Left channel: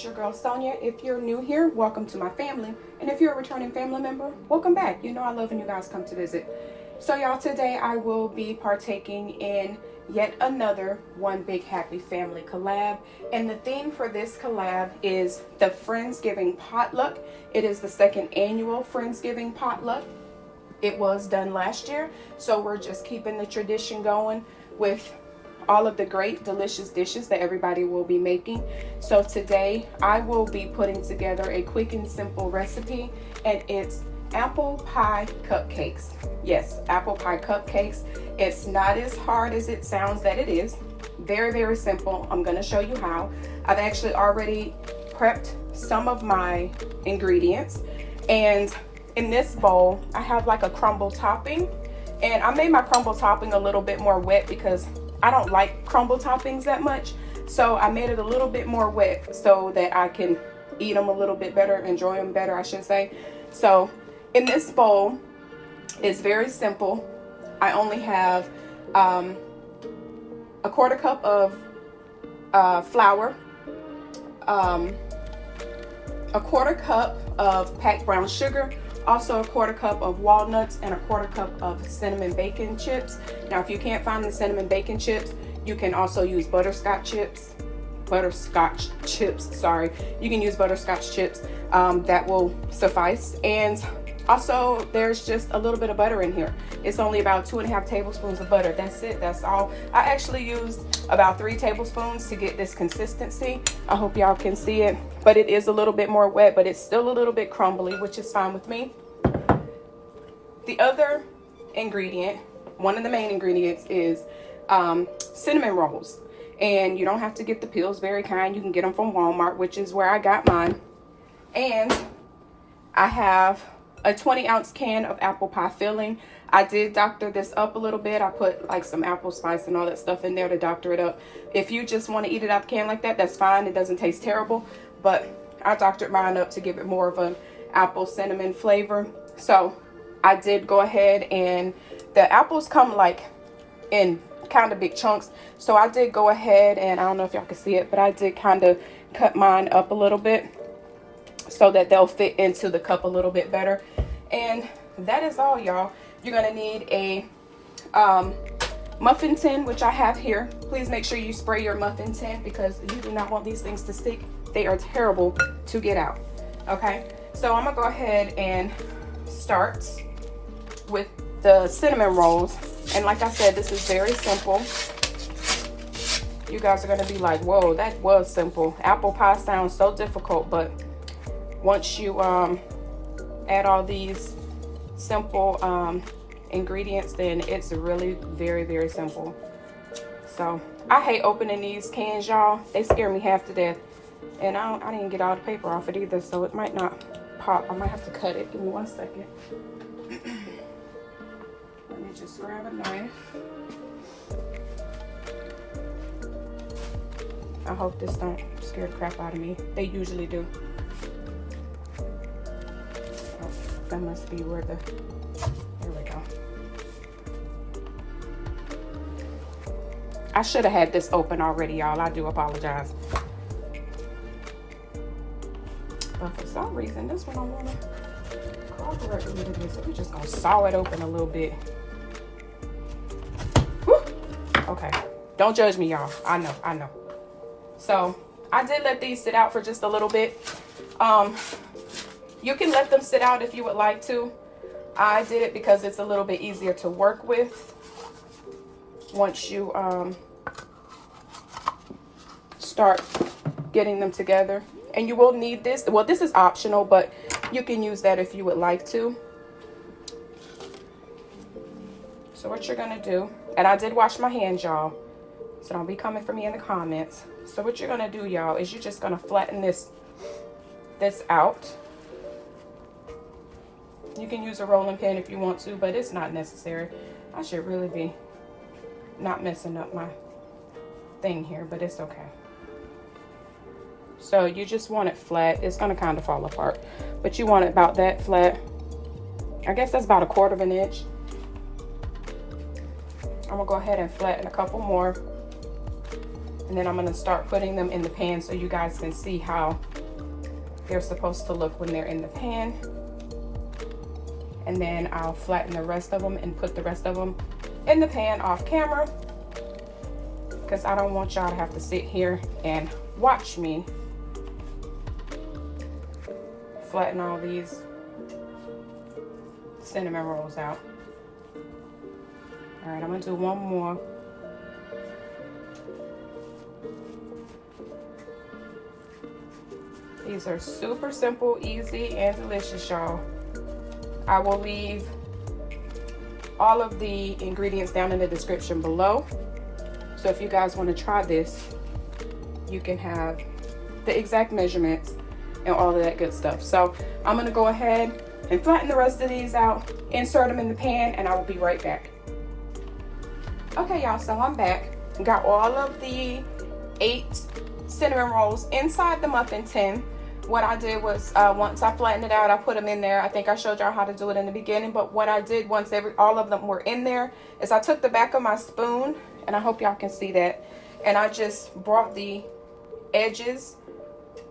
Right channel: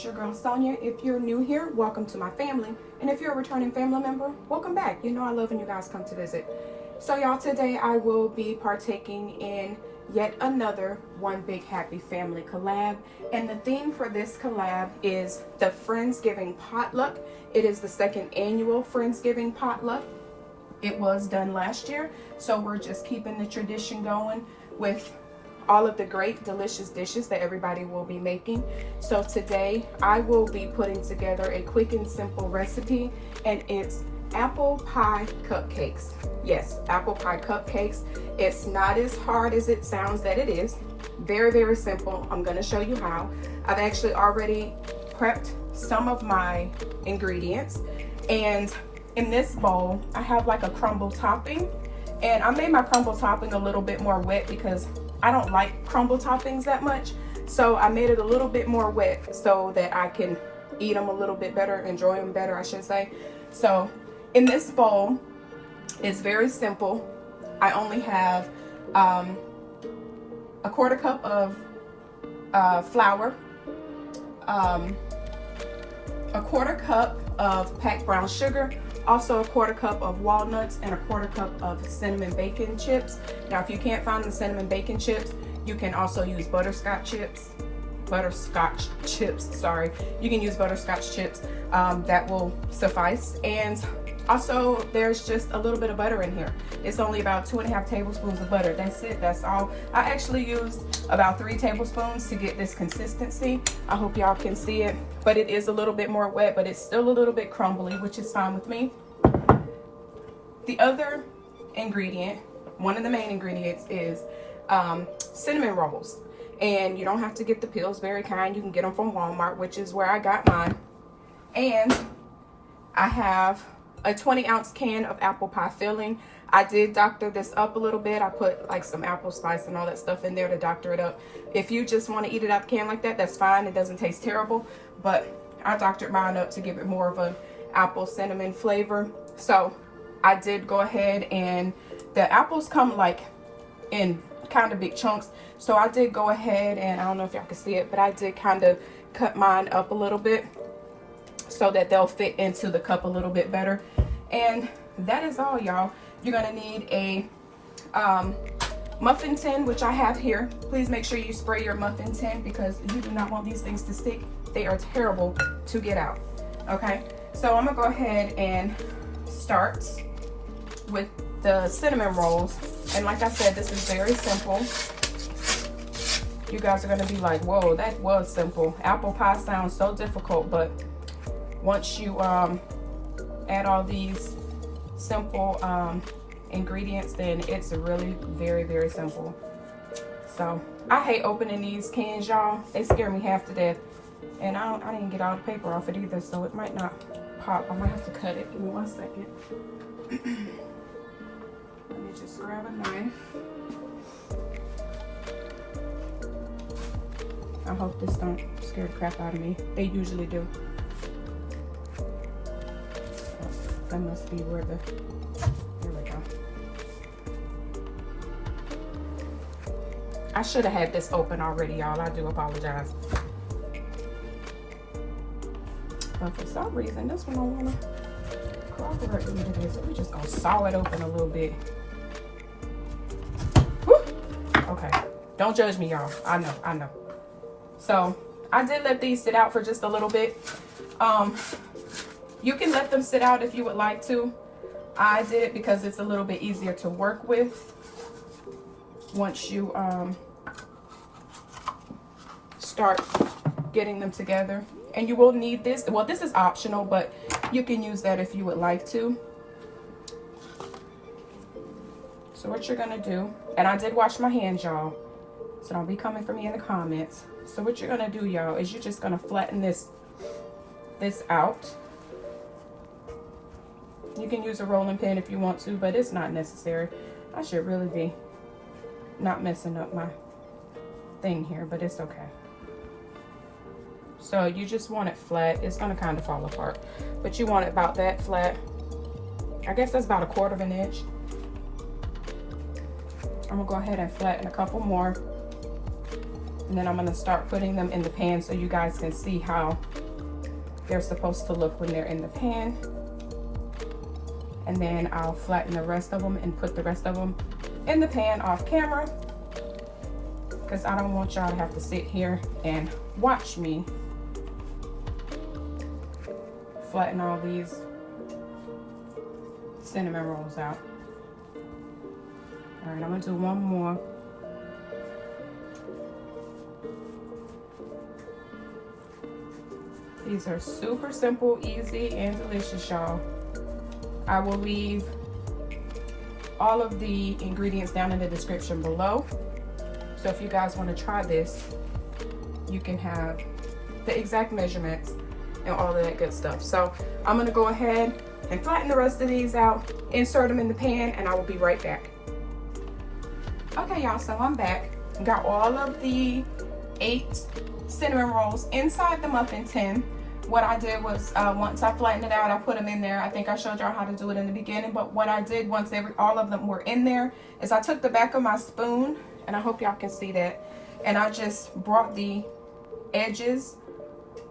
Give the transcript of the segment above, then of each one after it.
it's your girl Sonia. If you're new here, welcome to my family. And if you're a returning family member, welcome back. You know I love when you guys come to visit. So y'all, today I will be partaking in yet another One Big Happy Family collab. And the theme for this collab is the Friendsgiving Potluck. It is the second annual Friendsgiving Potluck. It was done last year, so we're just keeping the tradition going with all of the great delicious dishes that everybody will be making. So today I will be putting together a quick and simple recipe, and it's apple pie cupcakes. Yes, apple pie cupcakes. It's not as hard as it sounds that it is. Very, very simple. I'm going to show you how. I've actually already prepped some of my ingredients, and in this bowl I have like a crumble topping, and I made my crumble topping a little bit more wet because I don't like crumble toppings that much, so I made it a little bit more wet so that I can eat them a little bit better, enjoy them better, I should say. So in this bowl, it's very simple. I only have a quarter cup of flour, a quarter cup of packed brown sugar, also a quarter cup of walnuts, and a quarter cup of cinnamon bacon chips. Now, if you can't find the cinnamon bacon chips, you can also use butterscotch chips. Sorry. You can use butterscotch chips. That will suffice. And also, there's just a little bit of butter in here. It's only about 2.5 tablespoons of butter. That's it. That's all. I actually used about 3 tablespoons to get this consistency. I hope y'all can see it, but it is a little bit more wet, but it's still a little bit crumbly, which is fine with me. The other ingredient, one of the main ingredients, is cinnamon rolls. And you don't have to get the Pillsbury kind. You can get them from Walmart, which is where I got mine. And I have a 20-ounce can of apple pie filling. I did doctor this up a little bit. I put like some apple spice and all that stuff in there to doctor it up. If you just want to eat it out the can like that, that's fine. It doesn't taste terrible, but I doctored mine up to give it more of an apple cinnamon flavor. So I did go ahead, and the apples come like in kind of big chunks. So I did go ahead, and I don't know if y'all can see it, but I did kind of cut mine up a little bit so that they'll fit into the cup a little bit better. And that is all, y'all. You're gonna need a muffin tin, which I have here. Please make sure you spray your muffin tin because you do not want these things to stick. They are terrible to get out. Okay, so I'm gonna go ahead and start with the cinnamon rolls. And like I said, this is very simple. You guys are gonna be like, whoa, that was simple. Apple pie sounds so difficult, but once you add all these simple ingredients, then it's really very, very simple. So I hate opening these cans, y'all. They scare me half to death. And I didn't get all the paper off it either, so it might not pop. I might have to cut it. Give me 1 second. Let me just grab a knife. I hope this don't scare the crap out of me. They usually do. That must be where the, there we go. I should have had this open already, y'all. I do apologize. But for some reason, this one I want to cooperate with this. We're just going to saw it open a little bit. Whew. Okay. Don't judge me, y'all. I know. So, I did let these sit out for just a little bit. You can let them sit out if you would like to. I did it because it's a little bit easier to work with once you start getting them together. And you will need this. Well, this is optional, but you can use that if you would like to. So what you're gonna do, and I did wash my hands, y'all, so don't be coming for me in the comments. So what you're gonna do, y'all, is you're just gonna flatten this out. You can use a rolling pin if you want to, but it's not necessary. I should really be not messing up my thing here, but it's okay. So you just want it flat. It's gonna kind of fall apart, but you want it about that flat. I guess that's about 1/4 of an inch. I'm gonna go ahead and flatten a couple more. And then I'm gonna start putting them in the pan so you guys can see how they're supposed to look when they're in the pan. And then I'll flatten the rest of them and put the rest of them in the pan off camera, because I don't want y'all to have to sit here and watch me flatten all these cinnamon rolls out. All right, I'm gonna do one more. These are super simple, easy, and delicious, y'all. I will leave all of the ingredients down in the description below. So if you guys want to try this, you can have the exact measurements and all of that good stuff. So I'm gonna go ahead and flatten the rest of these out, insert them in the pan, and I will be right back. Okay, y'all, so I'm back. Got all of the 8 cinnamon rolls inside the muffin tin. What I did was, once I flattened it out, I put them in there. I think I showed y'all how to do it in the beginning, but what I did once all of them were in there is I took the back of my spoon, and I hope y'all can see that, and I just brought the edges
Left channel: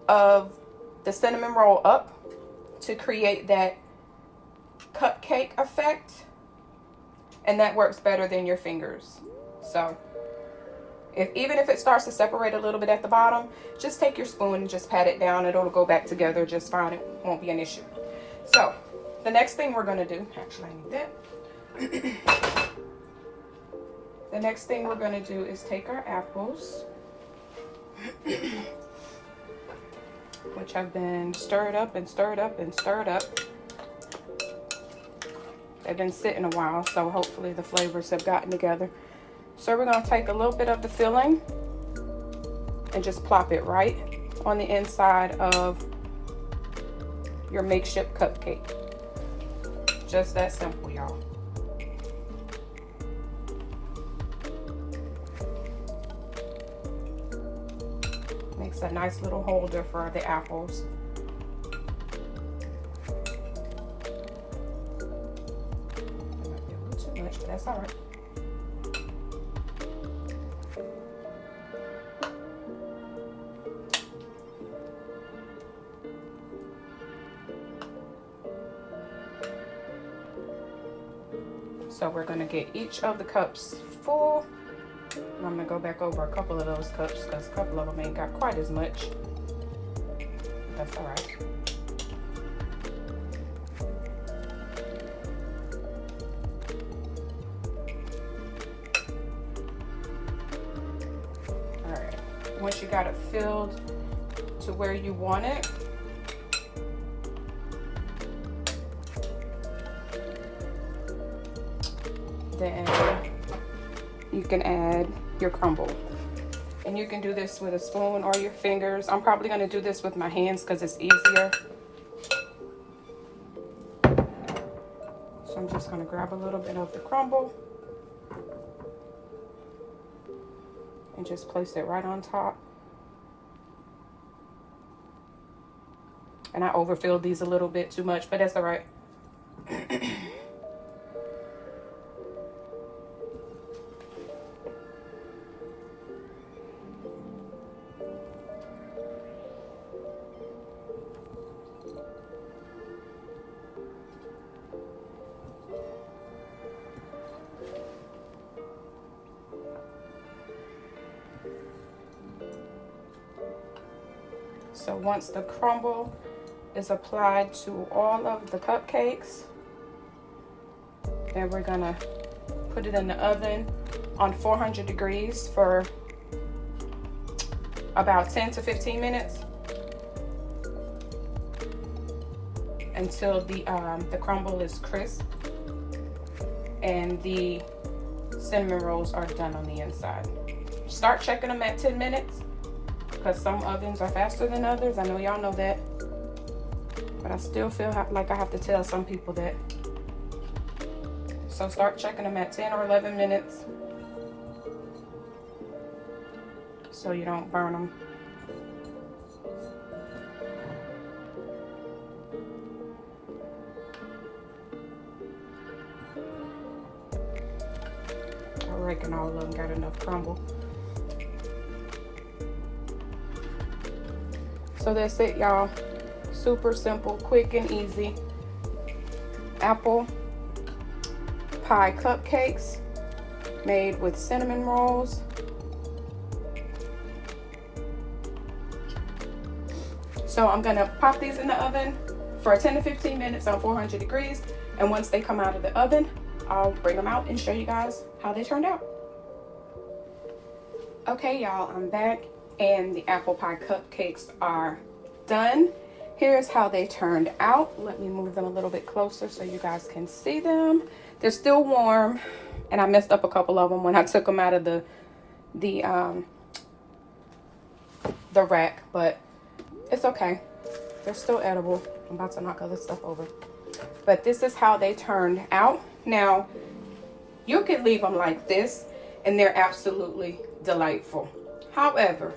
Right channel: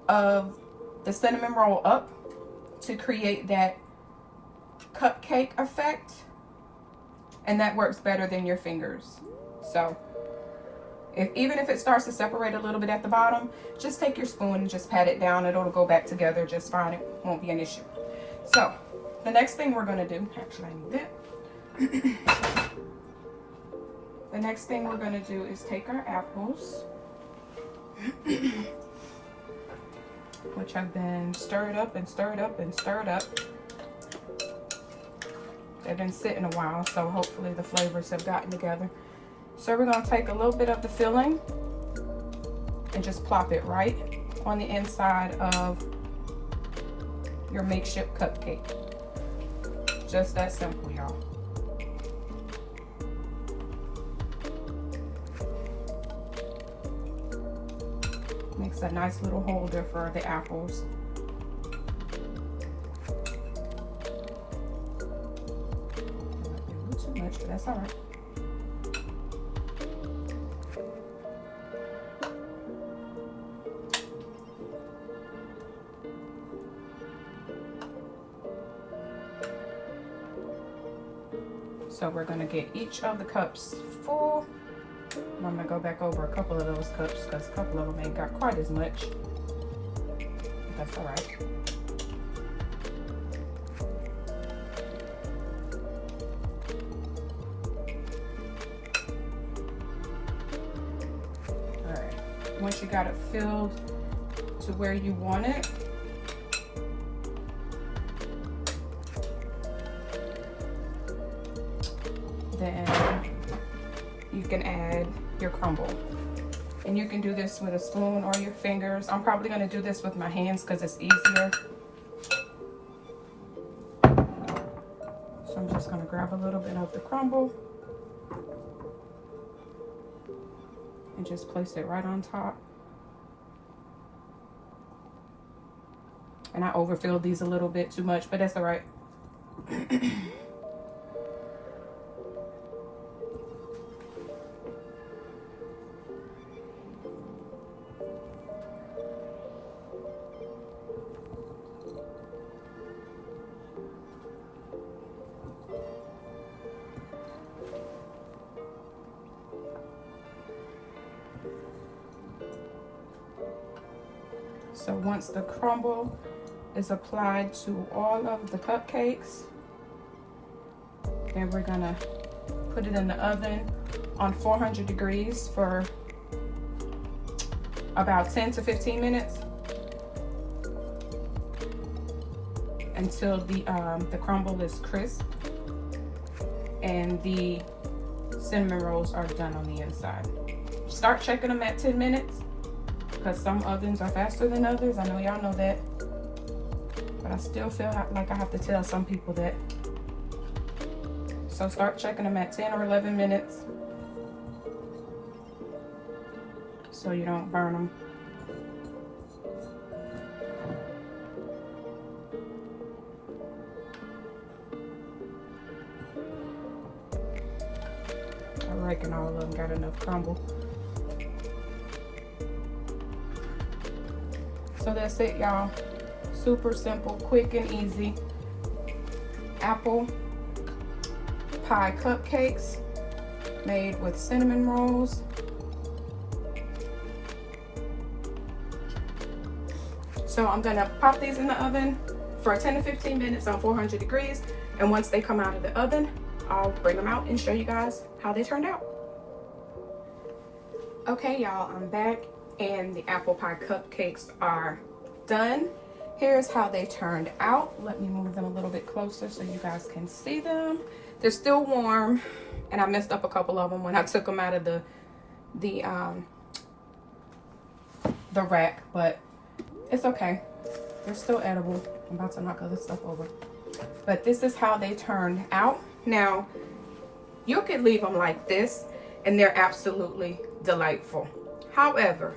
of the cinnamon roll up to create that cupcake effect, and that works better than your fingers. So even if it starts to separate a little bit at the bottom, just take your spoon and just pat it down. It'll go back together just fine. It won't be an issue. So the next thing we're gonna do, actually I need that. The next thing we're gonna do is take our apples, which have been stirred up and stirred up and stirred up. They've been sitting a while, so hopefully the flavors have gotten together. So we're gonna take a little bit of the filling and just plop it right on the inside of your makeshift cupcake. Just that simple, y'all. Makes a nice little holder for the apples. Not too much, but that's all right. So we're gonna get each of the cups full. And I'm gonna go back over a couple of those cups because a couple of them ain't got quite as much. That's all right. All right, once you got it filled to where you want it, then you can add your crumble. And you can do this with a spoon or your fingers. I'm probably gonna do this with my hands because it's easier. So I'm just gonna grab a little bit of the crumble and just place it right on top. And I overfilled these a little bit too much, but that's all right. So once the crumble is applied to all of the cupcakes, then we're gonna put it in the oven on 400 degrees for about 10 to 15 minutes until the crumble is crisp and the cinnamon rolls are done on the inside. Start checking them at 10 minutes because some ovens are faster than others. I know y'all know that, but I still feel like I have to tell some people that. So start checking them at 10 or 11 minutes so you don't burn them. I reckon all of them got enough crumble. So that's it, y'all. Super simple, quick and easy. Apple pie cupcakes made with cinnamon rolls. So I'm gonna pop these in the oven for 10 to 15 minutes on 400 degrees. And once they come out of the oven, I'll bring them out and show you guys how they turned out. Okay, y'all, I'm back and the apple pie cupcakes are done. Here's how they turned out. Let me move them a little bit closer so you guys can see them. They're still warm, and I messed up a couple of them when I took them out of the rack, but it's okay. They're still edible. I'm about to knock other stuff over. But this is how they turned out. Now, you could leave them like this, and they're absolutely delightful. However,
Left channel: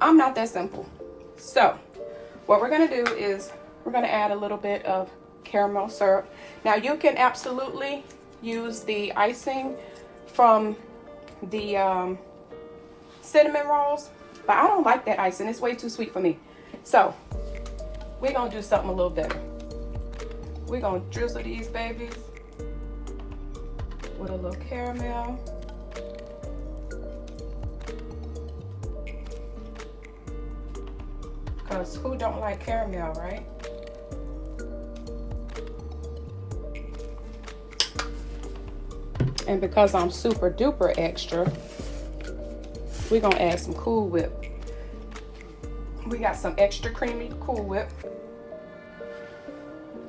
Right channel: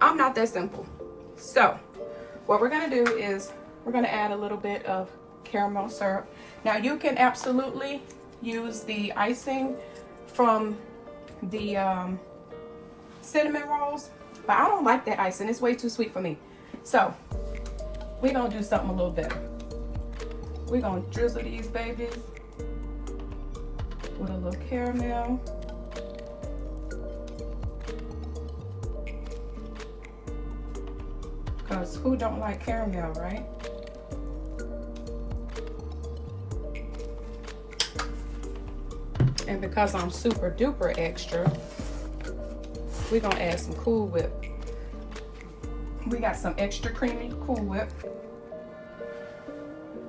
I'm not that simple. So, what we're gonna do is we're gonna add a little bit of caramel syrup. Now, you can absolutely use the icing from the cinnamon rolls, but I don't like that icing. It's way too sweet for me. So, we're gonna do something a little better. We're gonna drizzle these babies with a little caramel. Because who don't like caramel, right? And because I'm super duper extra, we're gonna add some Cool Whip. We got some extra creamy Cool Whip.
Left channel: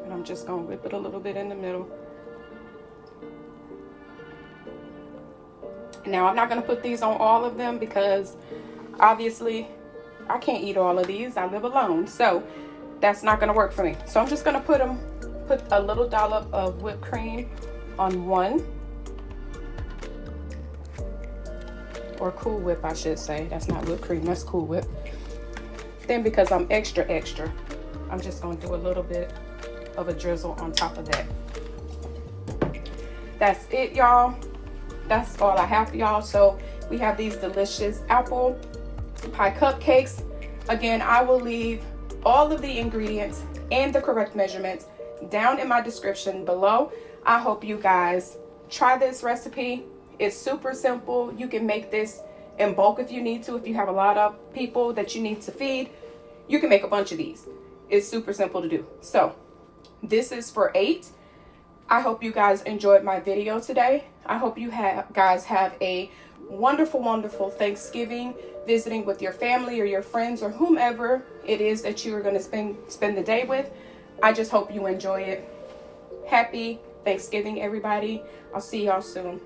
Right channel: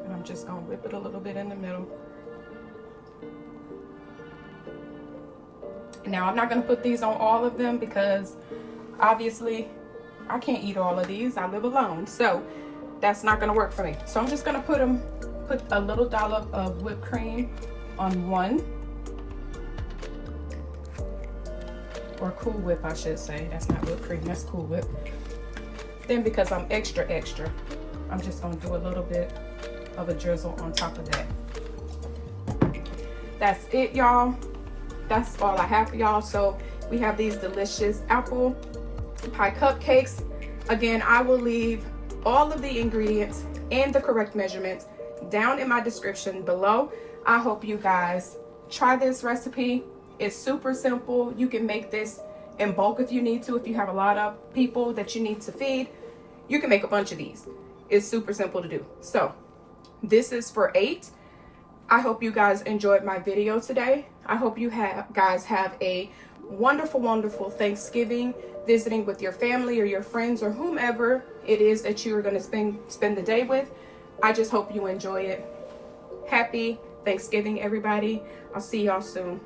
And I'm just gonna whip it a little bit in the middle. Now, I'm not gonna put these on all of them because obviously I can't eat all of these. I live alone, so that's not gonna work for me. So I'm just gonna put a little dollop of whipped cream on one, or Cool Whip, I should say. That's not whipped cream, that's Cool Whip. Then, because I'm extra, I'm just gonna do a little bit of a drizzle on top of that. That's it, y'all. That's all I have for y'all. So we have these delicious apple pie cupcakes. Again, I will leave all of the ingredients and the correct measurements down in my description below. I hope you guys try this recipe. It's super simple. You can make this in bulk if you need to. If you have a lot of people that you need to feed, you can make a bunch of these. It's super simple to do. So this is for 8. I hope you guys enjoyed my video today. I hope you guys have a wonderful, wonderful Thanksgiving, visiting with your family or your friends or whomever it is that you're going to spend the day with. I just hope you enjoy it. Happy Thanksgiving, everybody. I'll see y'all soon.